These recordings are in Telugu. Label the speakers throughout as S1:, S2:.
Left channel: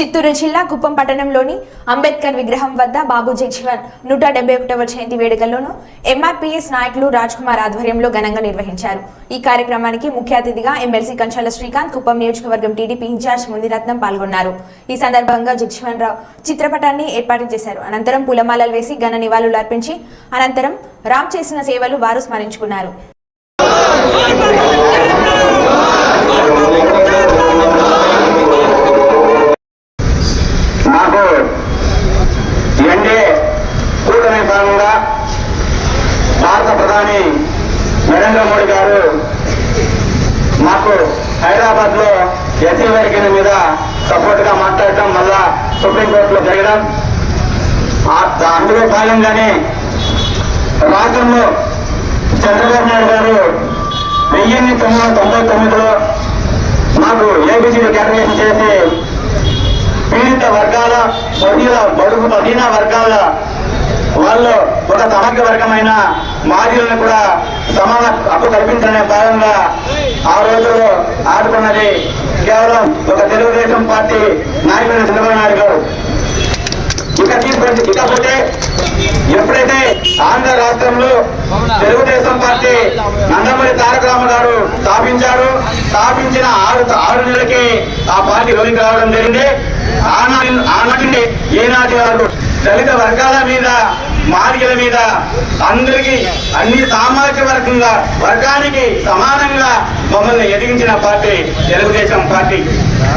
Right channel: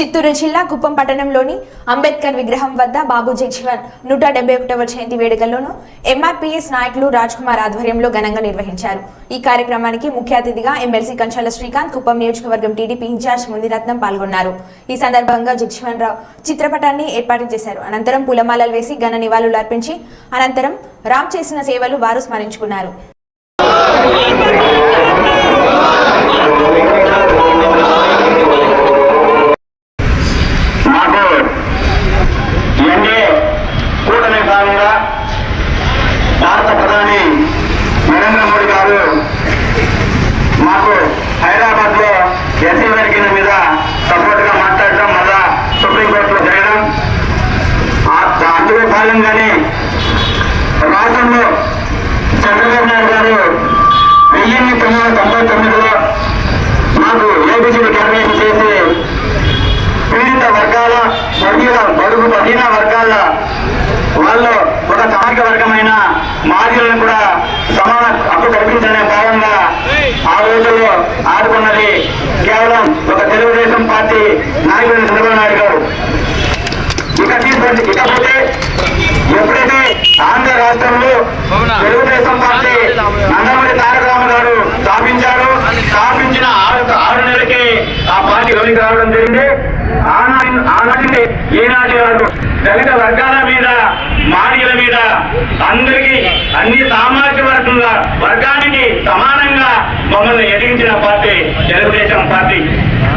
S1: చిత్తూరు జిల్లా కుప్పం పట్టణంలోని అంబేద్కర్ విగ్రహం వద్ద బాబు జగ్జీవన్ నూట డెబ్బై ఒకటవ జయంతి వేడుకల్లోనూ ఎంఆర్పీఎస్ నాయకులు రాజ్ కుమార్ ఆధ్వర్యంలో ఘనంగా నిర్వహించారు. ఈ కార్యక్రమానికి ముఖ్య అతిథిగా ఎమ్మెల్సీ కంచాల శ్రీకాంత్ కుప్పం నియోజకవర్గం టీడీపీ ఇన్ఛార్జ్ మునిరత్నం పాల్గొన్నారు. ఈ సందర్భంగా జగ్జీవన్ రావు చిత్రపటాన్ని ఏర్పాటు చేశారు. అనంతరం పూలమాలలు వేసి ఘన నివాళులు అర్పించి అనంతరం రామ్ చేసిన సేవలు వారు స్మరించుకున్నారు
S2: మాకు ఎన్డీఏ కూటమి భాగంగా భారత ప్రధాని నరేంద్ర మోడీ గారు మాకు హైదరాబాద్లో ఎస్సీ వర్గీయుల మీద సపోర్ట్గా మాట్లాడటం మళ్ళా సుప్రీంకోర్టులో జరగడం ఆ- అందులో రాష్ట్రంలో చంద్రబాబు నాయుడు గారు వెయ్యిన్ని తొమ్మిది వందల తొంభై తొమ్మిదిలో మాకు ఏబిసిడి కేటాయింపు చేసి పీడిత వర్గాల బడిన బడుగు బడిన వర్గాల వాళ్ళు ఒక సమగ్ర వర్గమైన మాదిలను కూడా సమాన హక్కు కల్పించనే భాగంగా ఆ రోజుల్లో ఆడుకున్నది కేవలం ఒక తెలుగుదేశం పార్టీ నాయకుడు చంద్రబాబు నాయుడు గారు ఇక తీసుకోండి ఇకపోతే ఎప్పుడైతే ఆంధ్ర రాష్ట్రంలో తెలుగుదేశం పార్టీ నందమూరి తారక రామ గారు స్థాపించారు. స్థాపించిన ఆరు ఆరు నెలలకే ఆ పార్టీ వెలికి రావడం జరిగింది. ఆనాటి ఆనాటి ఏనాటి వరకు దళిత వర్గాల మీద మాదిగల మీద అందరికీ అన్ని సామాజిక వర్గంల వర్గానికి సమానంగా మమ్మల్ని ఎదిగించిన పార్టీ తెలుగుదేశం పార్టీ.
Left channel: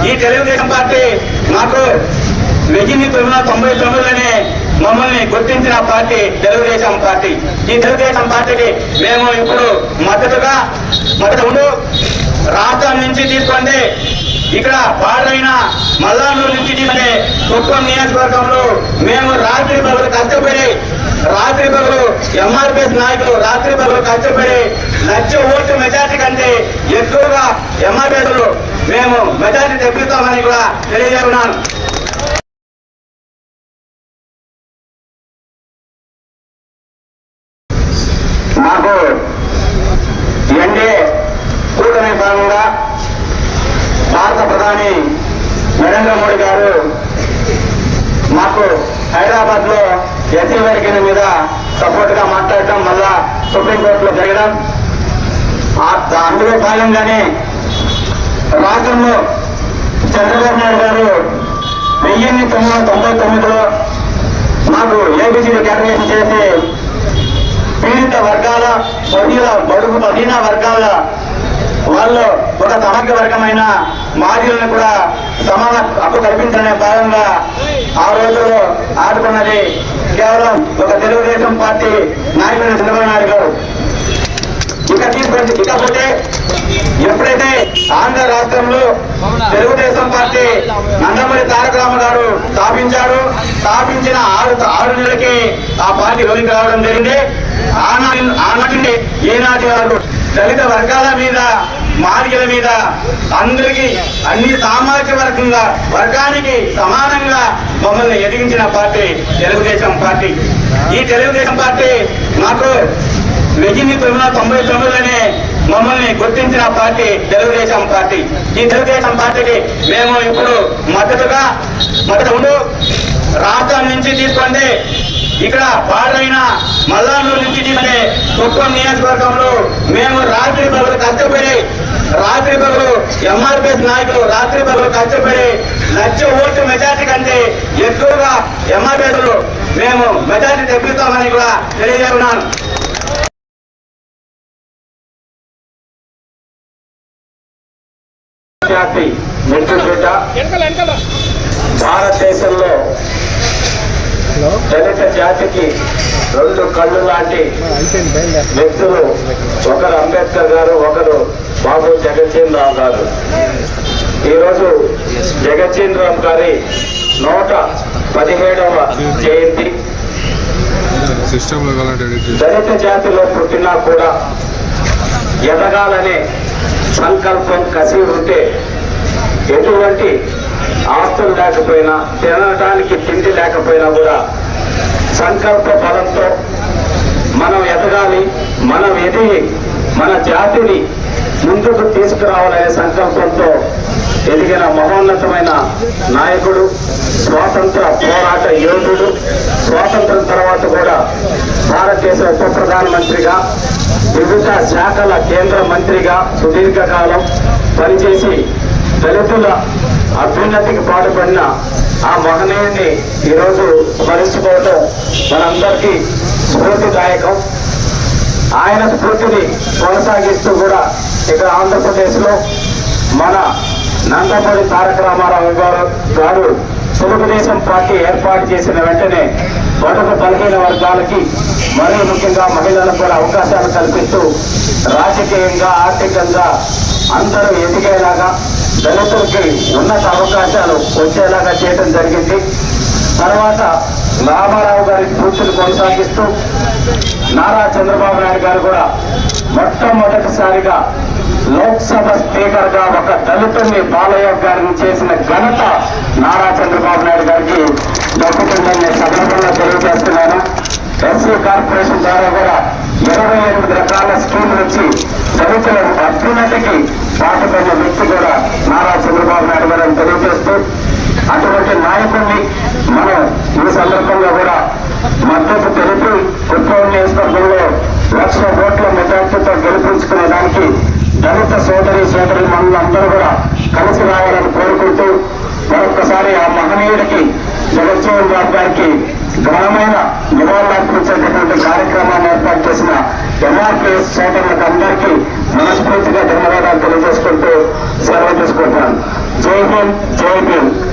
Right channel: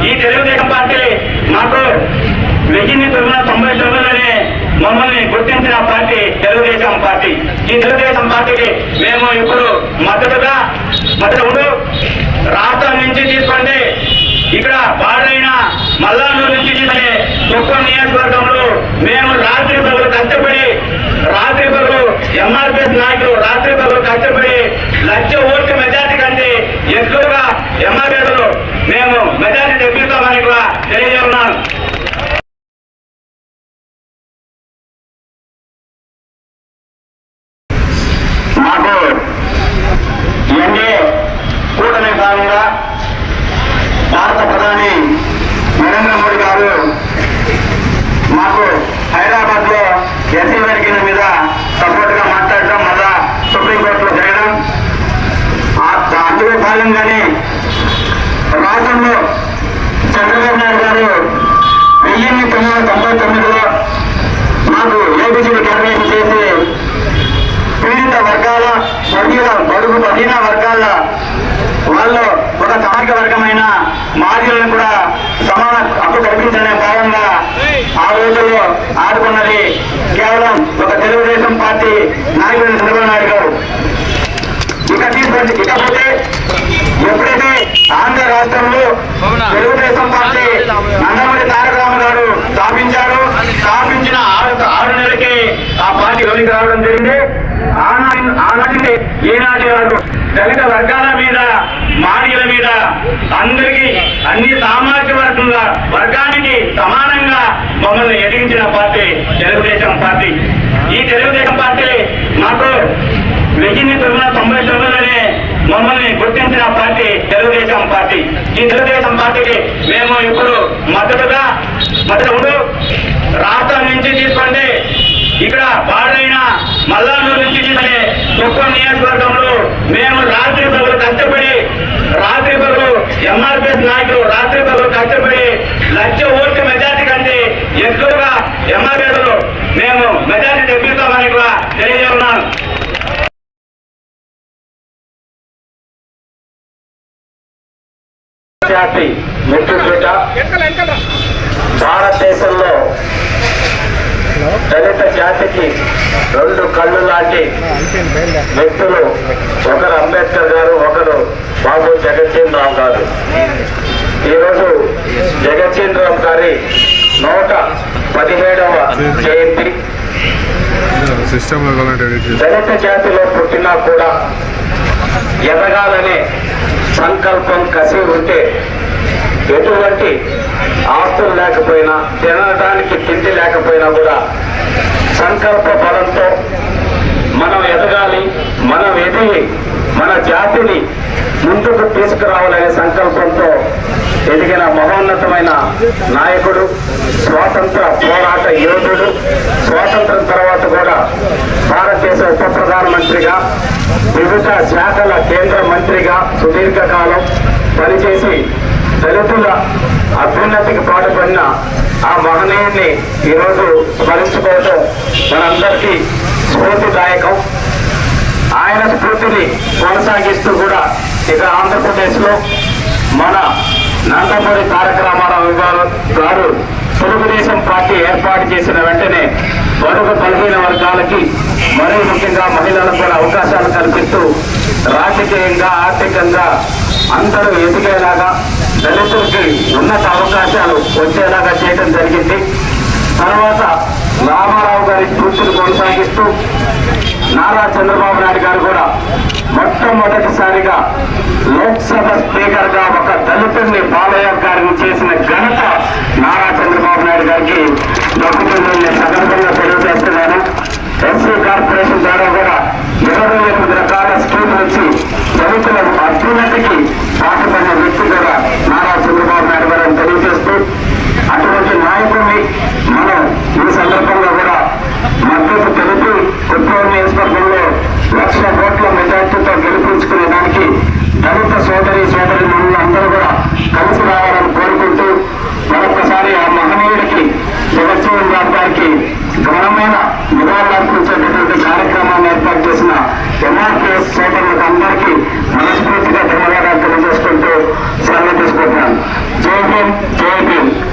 S2: ఈ తెలుగుదేశం పార్టీ నాకు వెయ్యిన్ని తొమ్మిది వందల తొంభై తొమ్మిదిలోనే మమ్మల్ని గుర్తించిన పార్టీ తెలుగుదేశం పార్టీ. ఈ తెలుగుదేశం పార్టీకి మేము ఇప్పుడు మద్దతుగా మద్దతు రాష్ట్రం నుంచి తీసుకోండి ఇక్కడ పాడైన మల్లానూరు నుంచి తీసుకుంటే కుప్పం నియోజకవర్గంలో మేము రాత్రి పగలు కష్టపడి రాత్రి పగలు ఎంఆర్పిఎస్ నాయకులు రాత్రి పగలు కష్టపడి లక్ష ఓట్లు మెజార్టీ కంటే ఎక్కువగా ఎంఆర్పిఎస్ మేము మెజార్టీ డబ్బులతో కూడా తెలియజేస్తున్నాను మాకు ఎన్డీఏ కూటమి భాగంగా భారత ప్రధాని నరేంద్ర మోడీ గారు మాకు హైదరాబాద్లో ఎస్సీ వర్గీల మీద సపోర్ట్గా మాట్లాడటం మళ్ళా సుప్రీంకోర్టులో జరగడం అందులో భాగంగానే రాష్ట్రంలో చంద్రబాబు నాయుడు గారు వెయ్యిన్ని తొమ్మిది వందల తొంభై తొమ్మిదిలో మాకు ఏబిసిడి కేటాయింపు చేసి పీడిత వర్గాల బడిన బడుగు బడిన వర్గాల వాళ్ళు ఒక సమగ్ర వర్గమైన మాదిలను కూడా సమాన హక్కు కల్పించనే భాగంగా రోజుల్లో ఆడుకున్నది కేవలం ఒక తెలుగుదేశం పార్టీ నాయకుడు చంద్రబాబు నాయుడు గారు. ఇక తీసుకోండి ఇకపోతే ఎప్పుడైతే ఆంధ్ర రాష్ట్రంలో తెలుగుదేశం పార్టీ నందమూరి తారక రామ గారు స్థాపించారు స్థాపించిన ఆరు ఆరు నెలలకే ఆ పార్టీ వెలికి రావడం జరిగింది. ఆనాటి ఆనాటి ఏనాటి వరకు దళిత వర్గాల మీద మాదిగల మీద అందరికీ అన్ని సామాజిక వర్గంల వర్గానికి సమానంగా మమ్మల్ని ఎదిగించిన పార్టీ తెలుగుదేశం పార్టీ. ఈ తెలుగుదేశం పార్టీ నాకు వెయ్యిన్ని తొమ్మిది తొంభై తొమ్మిదిలోనే మమ్మల్ని గుర్తించిన పార్టీ తెలుగుదేశం పార్టీ. ఈ తెలుగుదేశం పార్టీకి మేము ఇప్పుడు మద్దతుగా మద్దతు రాష్ట్రం నుంచి తీసుకోండి ఇక్కడ పాడైన మల్లానూరు నుంచి తీసుకుంటే కుప్పం నియోజకవర్గంలో మేము రాత్రి పగలు కష్టపడి రాత్రి పగలు ఎంఆర్పిఎస్ నాయకులు రాత్రి పగలు కష్టపడి లక్ష ఓట్ల మెజార్టీ కంటే ఎక్కువగా ఎంఆర్పిఎస్లో మేము మెజార్టీ తెప్పిస్తామని కూడా తెలియజేస్తున్నాను భారతదేశంలో దళిత జాతికి రెండు కళ్ళు లాంటి వ్యక్తులు ఒకరు అంబేద్కర్ గారు ఒకరు బాబు జగజ్జీవన్ రావు గారు. ఈరోజు జగజ్జీవన్ రావు గారి నూట పదిహేడవ జయంతి. దళిత జాతిలో పుట్టినా కూడా ఎదగాలనే సంకల్పం కసి ఉంటే ఎటువంటి ఆస్తులు లేకపోయినా తినడానికి తిండి లేకపోయినా కూడా సంకల్ప బలంతో మనం ఎదగాలి మనం ఎదిగి మన జాతిని ముందుకు తీసుకురావాలనే సంకల్పంతో ఎదిగిన మహోన్నతమైన నాయకుడు స్వాతంత్ర పోరాట యోధుడు స్వాతంత్రం తర్వాత కూడా భారతదేశ ఉప ప్రధానమంత్రిగా వివిధ శాఖల కేంద్ర మంత్రిగా సుదీర్ఘకాలం పనిచేసి దళితుల అభ్యున్నతికి పాటుపడిన ఆ మహనీయుని ఈరోజు స్మరించుకోవటం మనందరికీ స్ఫూర్తిదాయకం. ఆయన స్ఫూర్తిని కొనసాగిస్తూ కూడా ఇక్కడ ఆంధ్రప్రదేశ్లో మన నందమూరి తారక రామారావు గారు గారు తెలుగుదేశం పార్టీ ఏర్పాటు చేసిన వెంటనే మరొక బలహీన వర్గాలకి మరీ ముఖ్యంగా మహిళలకు కూడా అవకాశాలు కల్పిస్తూ రాజకీయంగా ఆర్థికంగా అందరూ ఎదిగేలాగా దళితులకి ఉన్నత అవకాశాలు వచ్చేలాగా చేయడం జరిగింది. తర్వాత రామారావు గారి స్ఫూర్తిని కొనసాగిస్తూ నారా చంద్రబాబు నాయుడు గారు కూడా మొట్టమొదటిసారిగా లోక్సభ స్పీకర్గా ఒక దళితుల్ని బాలయ్య గారిని చేసిన ఘనత నారా చంద్రబాబు నాయుడు గారికి దక్కుతుందని సందర్భంగా తెలియజేస్తున్నాను. ఎస్సీ కార్పొరేషన్ ద్వారా కూడా ఇరవై ఎనిమిది రకాల స్కీమ్ నుంచి దళితుల అభ్యున్నతికి పాటుపడిన వ్యక్తి కూడా জয় হিন্দ